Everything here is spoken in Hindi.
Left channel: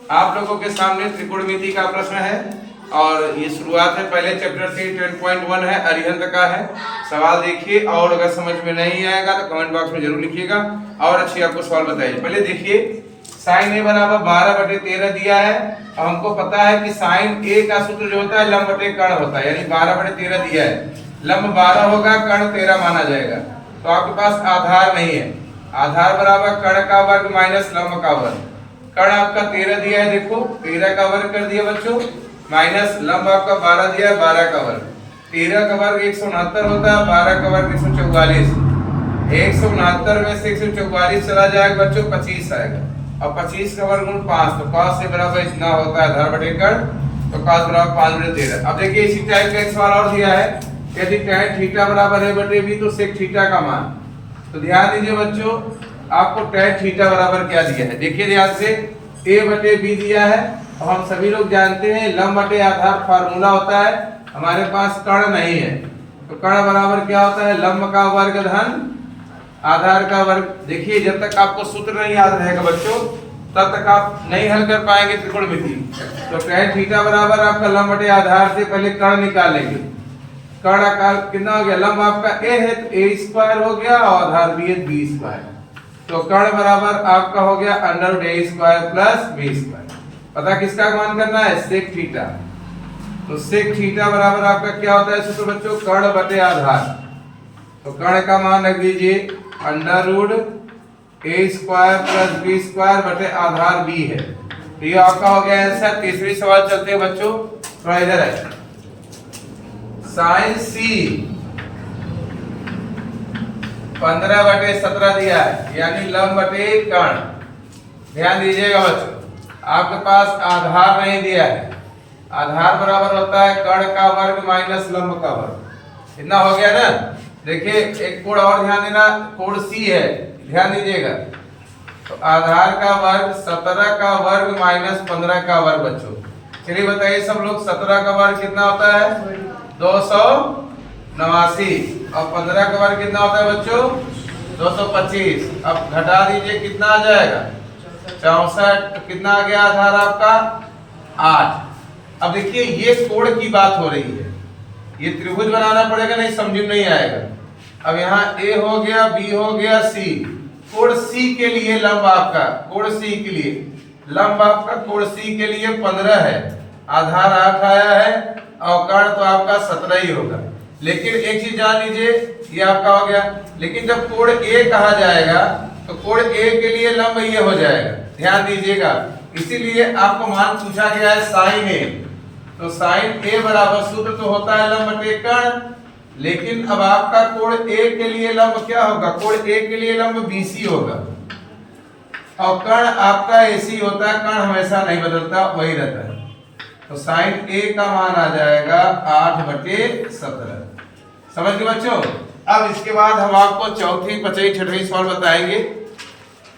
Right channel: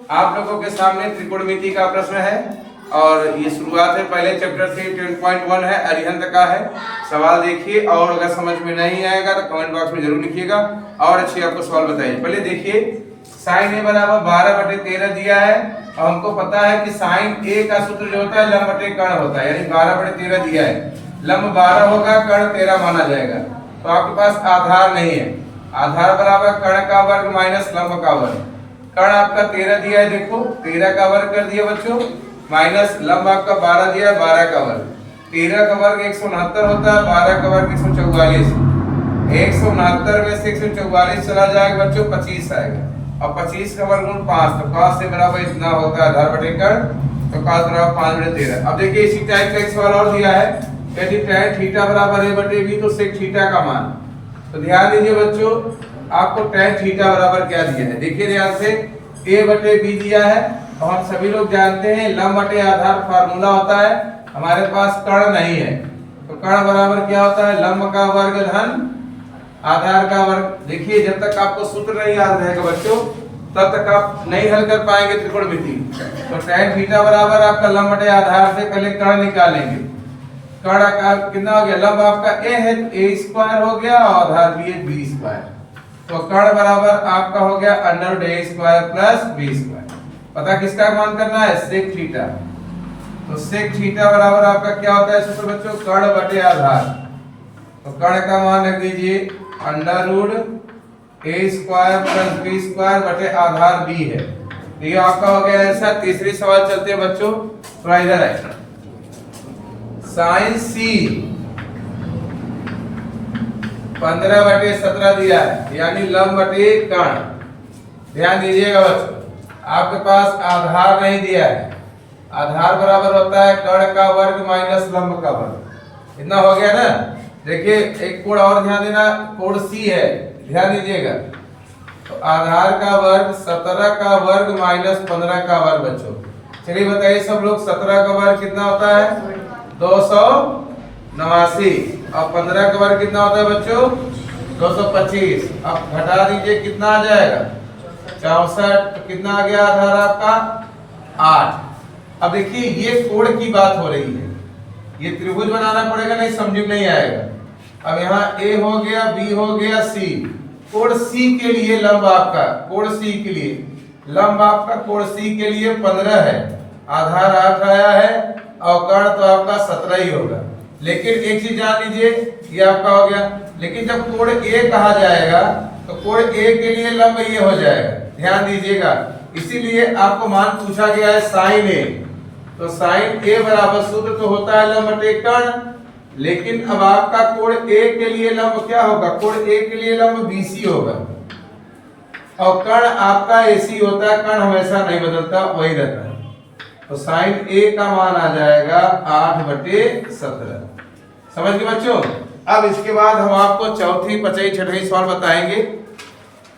आप लोगों के सामने त्रिकोणमिति का प्रश्न है और ये शुरुआत है पहले चैप्टर से 10.1 है, अरिहंत का है। सवाल देखिए और अगर समझ में नहीं आएगा तो कमेंट बॉक्स में जरूर लिखिएगा और अच्छी आपको सवाल बताइए। पहले देखिए साइन ए बराबर 12/13 दिया है और हमको पता है कि साइन ए का सूत्र जो होता है लंब बटे कर्ण होता है, यानी 12/13 दिया है, लंब 12 होगा, कर्ण 13 माना जाएगा। तो आपके पास आधार नहीं है, आधार बराबर कर्ण का वर्ग माइनस लंब का वर्ग। कर्ण आपका 13 दिया है, देखो 13 का वर्ग कर दिया बच्चों, माइनस लंब आपका 12 दिया है, 12 का वर्ग। 13 का वर्ग 169 होता है, 12 का वर्ग 144। 169 में से 144 चला जाएगा बच्चों, 25 आएगा और 25 का वर्गमूल 5, तो cos से बराबर इतना होता है आधार बटे कर्ण, तो cos बराबर 5/13। अब देखिए इसी टाइप का एक सवाल और दिया है, यदि tan थीटा बराबर a बटे b तो sec थीटा का मान। तो ध्यान दीजिए बच्चों, आपको tan थीटा बराबर क्या दिया है, देखिए ध्यान से, a बटे b दिया है और हम सभी लोग जानते हैं लंब बटे आधार फार्मूला होता है, हमारे पास कर्ण नहीं है, तो कर्ण बराबर क्या होता है, लंब का वर्ग धन आधार का वर्ग। देखिए जब तक आपको सूत्र नहीं याद रहेगा बच्चों तब तक आप नहीं हल कर पाएंगे त्रिकोणमिति। तो tan थीटा बराबर आपका लंब बटे आधार से पहले कर्ण निकालेंगे, कर्ण का कितना हो गया, लंब आपका a है तो a² हो गया और आधार b है b², तो कर्ण बराबर आपका हो गया √a² प्लस b²। पता किसका मान करना है, sec थीटा। तो sec थीटा बराबर आपका क्या होता है सूत्र बच्चों, कर्ण बटे आधार। तो कर्ण का मान रख दीजिए √a² प्लस b² बटे आधार b है। तो ये आपका हो गया आंसर। तीसरी सवाल चलते हैं बच्चों, थोड़ा इधर है। साइन c 15/17 दिया है, यानी लंब बटे कर्ण। ध्यान दीजिएगा बच्चों, आपके पास आधार नहीं दिया है, आधार बराबर होता है कर्ण का वर्ग माइनस लंब का वर्ग। इतना हो गया ना। देखिए एक कोण और ध्यान देना, कोण C है, ध्यान दीजिएगा। तो आधार का वर्ग 17 का वर्ग माइनस 15 का वर्ग बच्चों। चलिए बताइए सब लोग, 17 का वर्ग कितना होता है, 289 और 15 का वर्ग कितना होता है बच्चों, 225। अब घटा दीजिए कितना आ जाएगा, 64। तो कितना आ गया आधार आपका, 8। अब देखिए ये कोण की बात हो रही है, ये त्रिभुज बनाना पड़ेगा, नहीं समझ में नहीं आएगा। अब यहाँ A हो गया, B हो गया, C। कोण C के लिए लंब आपका, कोण C के लिए लंब आपका कोण C के लिए 15 है, आधार 8 आया है और कर्ण तो आपका 17 ही होगा। लेकिन एक चीज जान लीजिए, ये आपका हो गया, लेकिन जब कोण A कहा जाएगा तो कोण A के लिए लंब ये हो जाएगा, ध्यान दीजिएगा। इसीलिए आपको मान पूछा गया है साइन A। तो साइन A बराबर सूत्र तो होता है लंब बटे कर्ण, लेकिन अब आपका कोण A के लिए लंब क्या होगा, कोण A के लिए लंब BC होगा और कर्ण आपका AC होता है, कर्ण हमेशा नहीं बदलता, वही रहता है। तो साइन A का मान आ जाएगा 8/17। समझ गए बच्चों। अब इसके बाद हम आपको चौथी, पांचवी, छठवीं सवाल बताएंगे।